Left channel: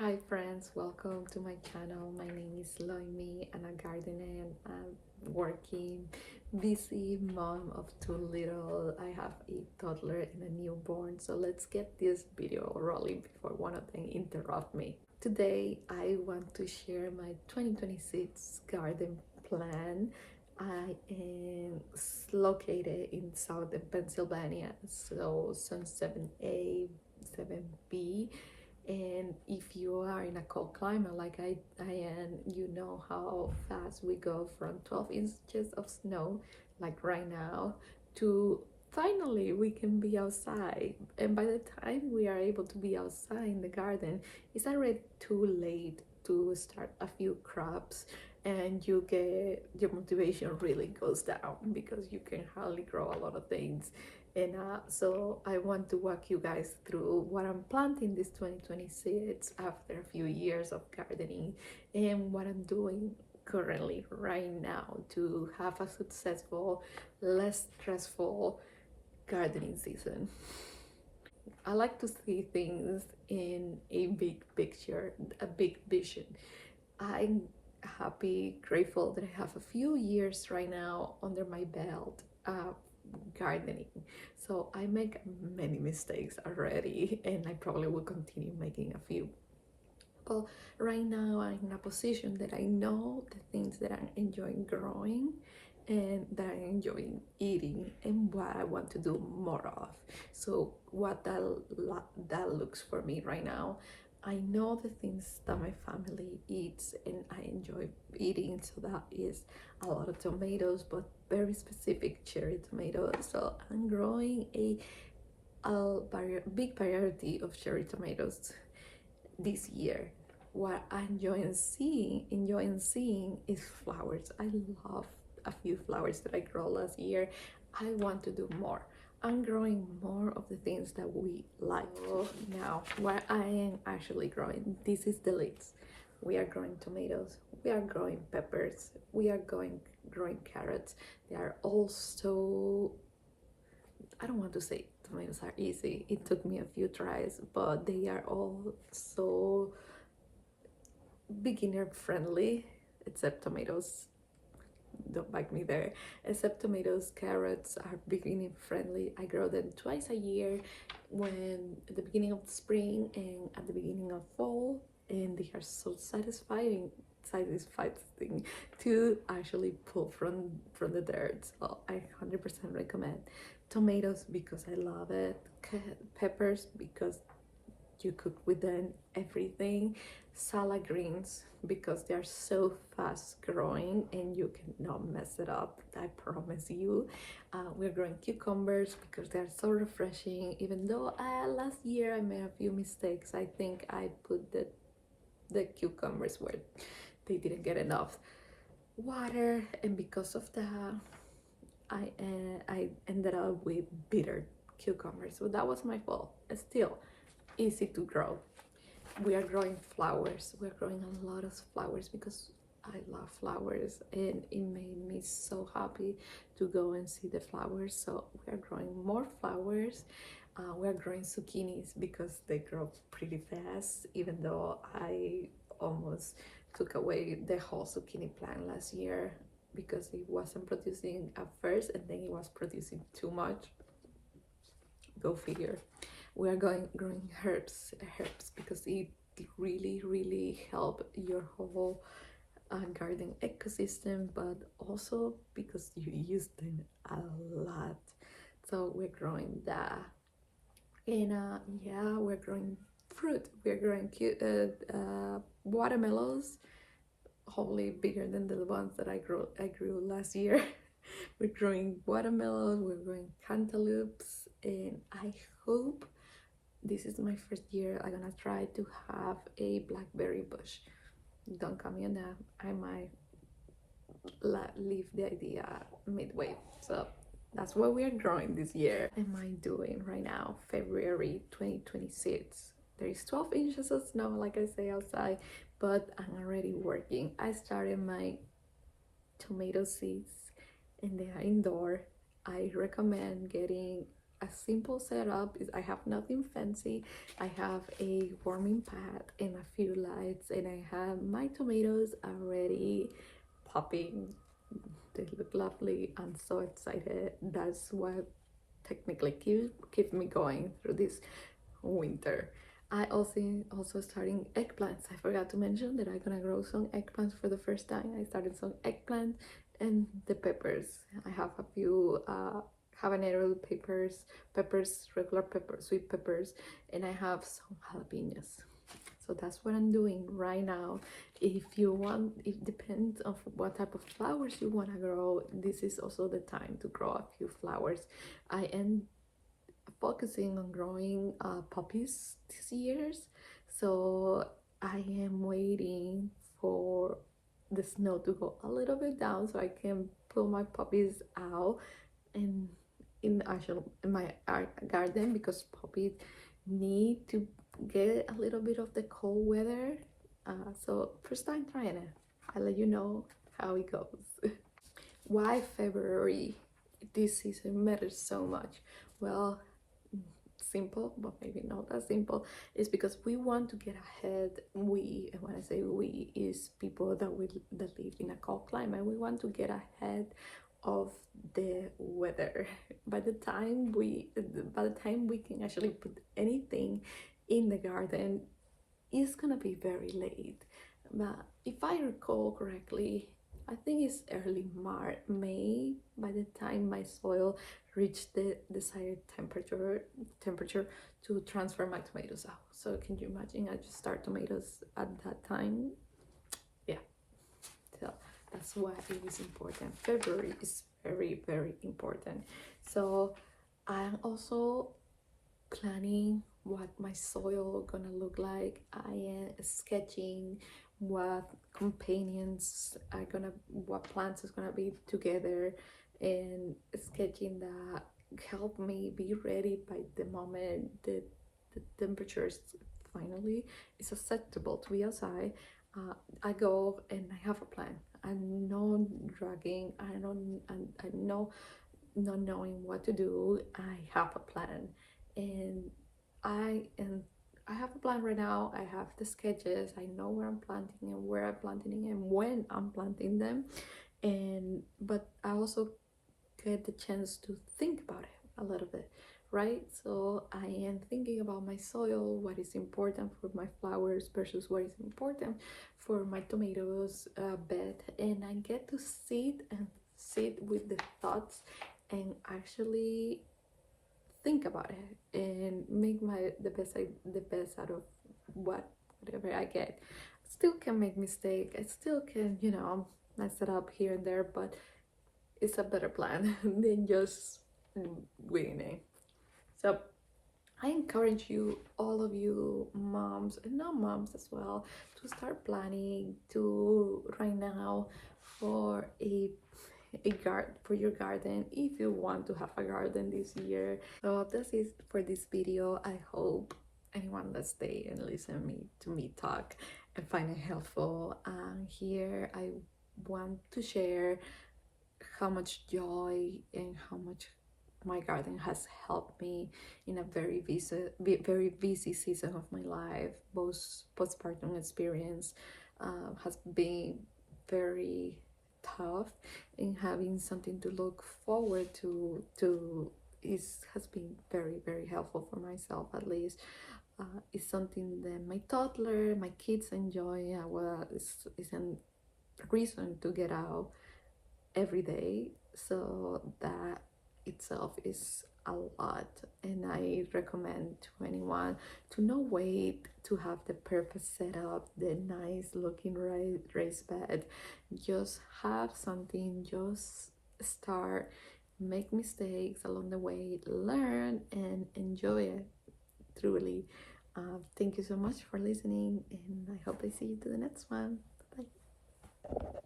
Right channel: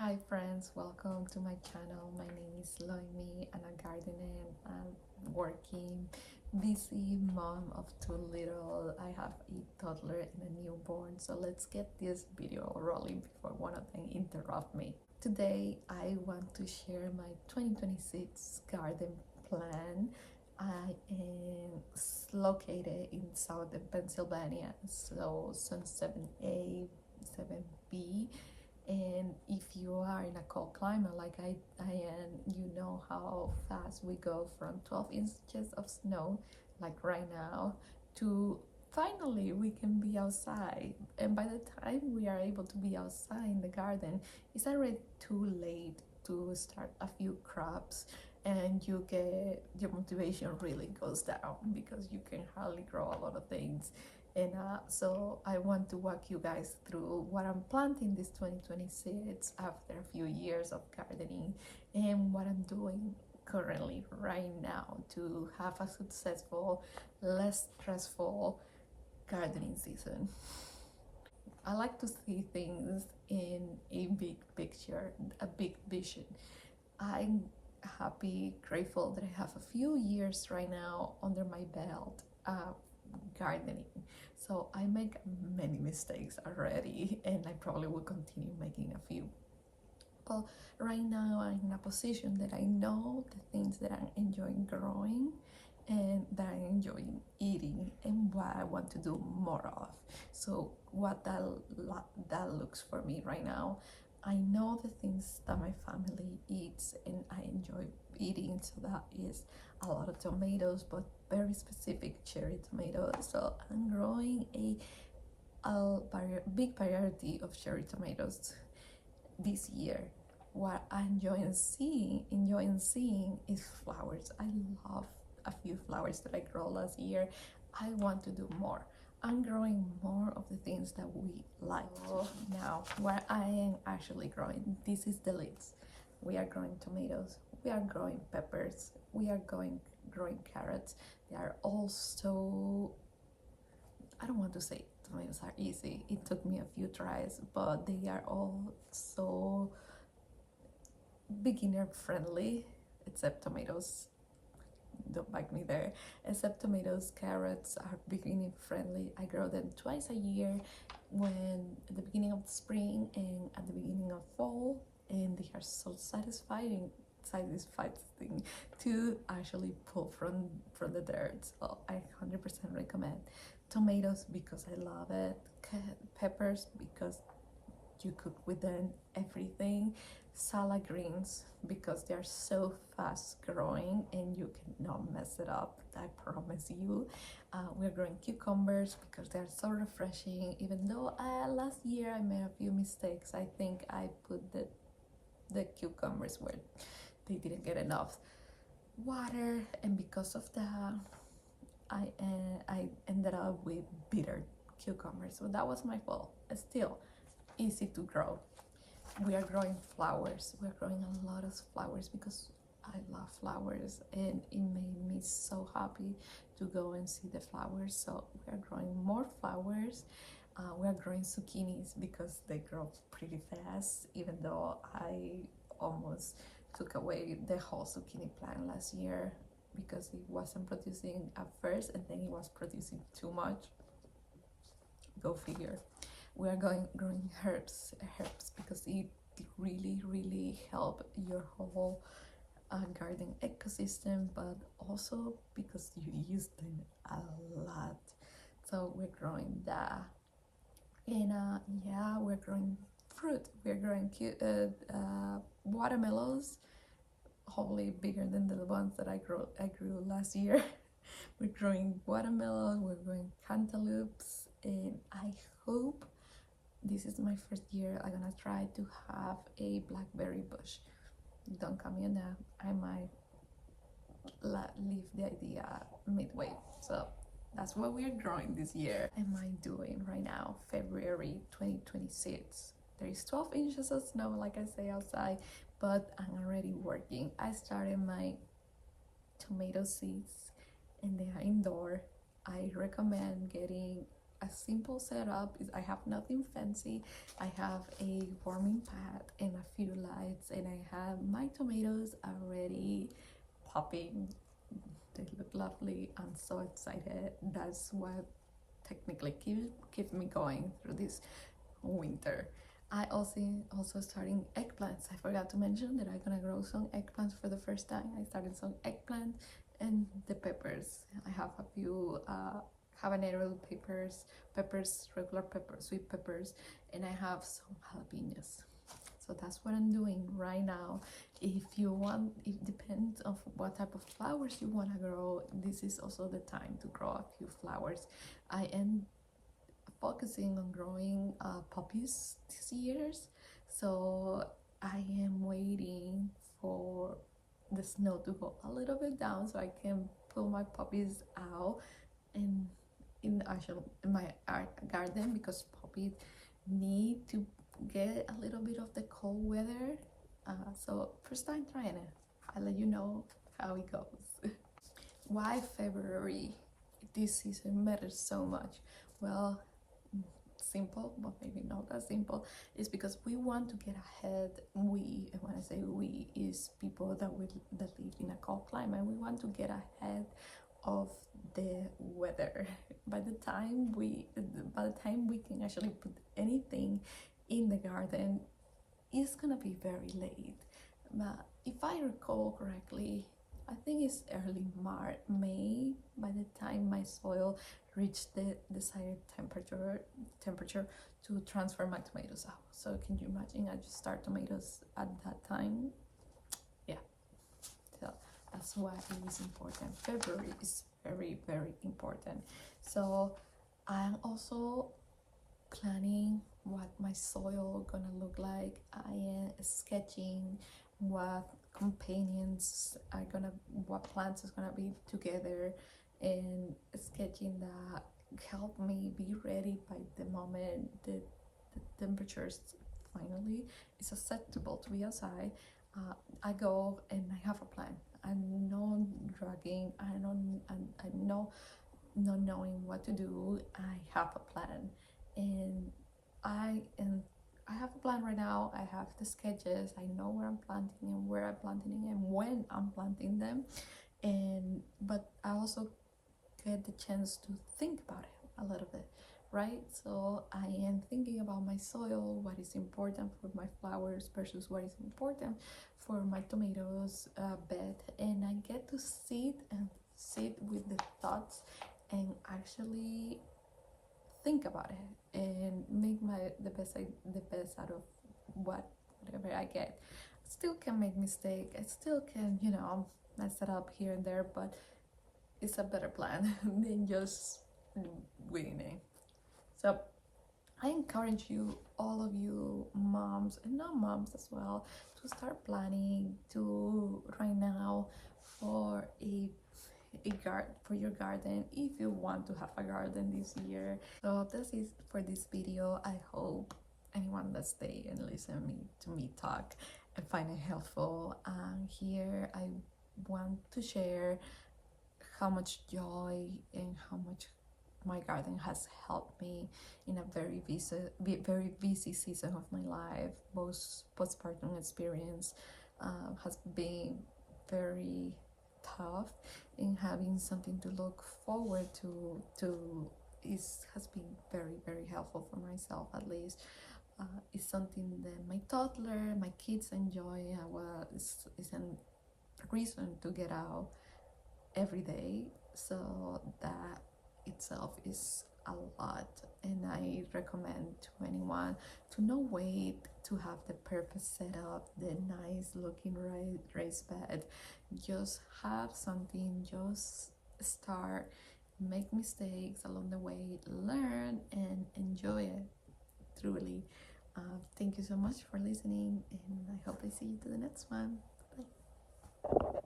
Hi friends, welcome to my channel. My name is Loimi. I'm a gardener. I'm working, busy mom of two little. I have a toddler and a newborn. So let's get this video rolling before one of them interrupt me. Today I want to share my 2026 garden plan. I am located in southern Pennsylvania, so Zone 7A, 7B, and if you are in a cold climate like I am, you know how fast we go from 12 inches of snow like right now to finally we can be outside. And by the time we are able to be outside in the garden, it's already too late to start a few crops, and your motivation really goes down because you can hardly grow a lot of things. And so I want to walk you guys through what I'm planting this 2026 after a few years of gardening, and what I'm doing currently right now to have a successful, less stressful gardening season. I like to see things in a big picture, a big vision. I'm happy, grateful that I have a few years right now under my belt gardening. So I make many mistakes already, and I probably will continue making a few. But right now I'm in a position that I know the things that I'm enjoying growing and that I enjoy eating and what I want to do more of. So what that looks for me right now, I know the things that my family eats and I enjoy eating. So that is a lot of tomatoes, but very specific cherry tomatoes. So I'm growing a big variety of cherry tomatoes this year. What I enjoying seeing is flowers. I love a few flowers that I grow last year. I want to do more. I'm growing more of the things that we like. Now, what I am actually growing, this is the leads. We are growing tomatoes, we are growing peppers, we are growing carrots. They are also, I don't want to say tomatoes are easy. It took me a few tries, but they are all so beginner friendly, except tomatoes. Don't bite me there. Except tomatoes, carrots are beginner friendly. I grow them twice a year, when at the beginning of the spring and at the beginning of fall, and they are so satisfying to actually pull from the dirt. So I 100% recommend tomatoes because I love it, peppers because you cook with them everything, salad greens because they're so fast growing and you cannot mess it up, I promise you. We're growing cucumbers because they're so refreshing, even though last year I made a few mistakes. I think I put the cucumbers where they didn't get enough water, and because of that I ended up with bitter cucumbers, so that was my fault. Still easy to grow. We are growing flowers. We're growing a lot of flowers because I love flowers, and it made me so happy to go and see the flowers. So we are growing more flowers. We are growing zucchinis because they grow pretty fast, even though I almost took away the whole zucchini plant last year because it wasn't producing at first, and then it was producing too much. Go figure. We are growing herbs because it really help your whole garden ecosystem, but also because you use them a lot. So we're growing that. And yeah, we're growing fruit. We're growing cute watermelons, hopefully bigger than the ones that I grew last year. We're growing watermelon, we're growing cantaloupes, and I hope this is my first year I'm gonna try to have a blackberry bush. Don't come in there, I might leave the idea midway. So that's what we are growing this year. What am I doing right now, February 2026? There is 12 inches of snow, like I say, outside, but I'm already working. I started my tomato seeds and they are indoor. I recommend getting a simple setup. I have nothing fancy. I have a warming pad and a few lights, and I have my tomatoes already popping. They look lovely. I'm so excited. That's what technically keep me going through this winter. I also starting eggplants. I forgot to mention that I'm gonna grow some eggplants for the first time. I started some eggplants and the peppers. I have a few habanero peppers, regular peppers, sweet peppers, and I have some jalapenos. So that's what I'm doing right now. If you want, it depends on what type of flowers you want to grow. This is also the time to grow a few flowers. I am focusing on growing poppies this year, so I am waiting for the snow to go a little bit down so I can pull my poppies out and in my garden, because poppies need to get a little bit of the cold weather. So first time trying it, I'll let you know how it goes. Why February this season matters so much? Well, simple, but maybe not as simple, is because we want to get ahead. We, and when I say we, is people that live in a cold climate. We want to get ahead of the weather. By the time we can actually put anything in the garden, it's gonna be very late. But if I recall correctly, I think it's early May by the time my soil reached the desired temperature to transfer my tomatoes out. So can you imagine, I just start tomatoes at that time? Yeah, so that's why it is important. February is very, very important. So I'm also planning what my soil gonna look like. I am sketching what companions are gonna, what plants is gonna be together, and sketching that help me be ready by the moment that the temperatures finally is acceptable to be outside. I go and I have a plan. I'm not dragging. I know not knowing what to do. I have a plan, and I have a plan right now. I have the sketches. I know where I'm planting and where I'm planting and when I'm planting them, and but I also get the chance to think about it a little bit, right? So I am thinking about my soil, what is important for my flowers versus what is important for my tomatoes bed, and I get to sit with the thoughts and actually think about it and make the best out of whatever I get. Still can make mistake. I still can, mess it up here and there, but it's a better plan than just winning. So I encourage you, all of you moms and non-moms as well, to start planning to right now for for your garden, if you want to have a garden this year. So that's it for this video. I hope anyone that stay and listen to me talk and find it helpful. Here I want to share how much joy and how much my garden has helped me in a very busy season of my life. Both postpartum experience has been very tough, and having something to look forward to has been very, very helpful for myself, at least. It's something that my toddler, my kids enjoy. Well, it's a reason to get out every day, so that itself is a lot. And I recommend to anyone to not wait to have the perfect setup, the nice looking raised bed. Just have something, just start, make mistakes along the way, learn and enjoy it truly. Thank you so much for listening, and I hope I see you to the next one. Bye.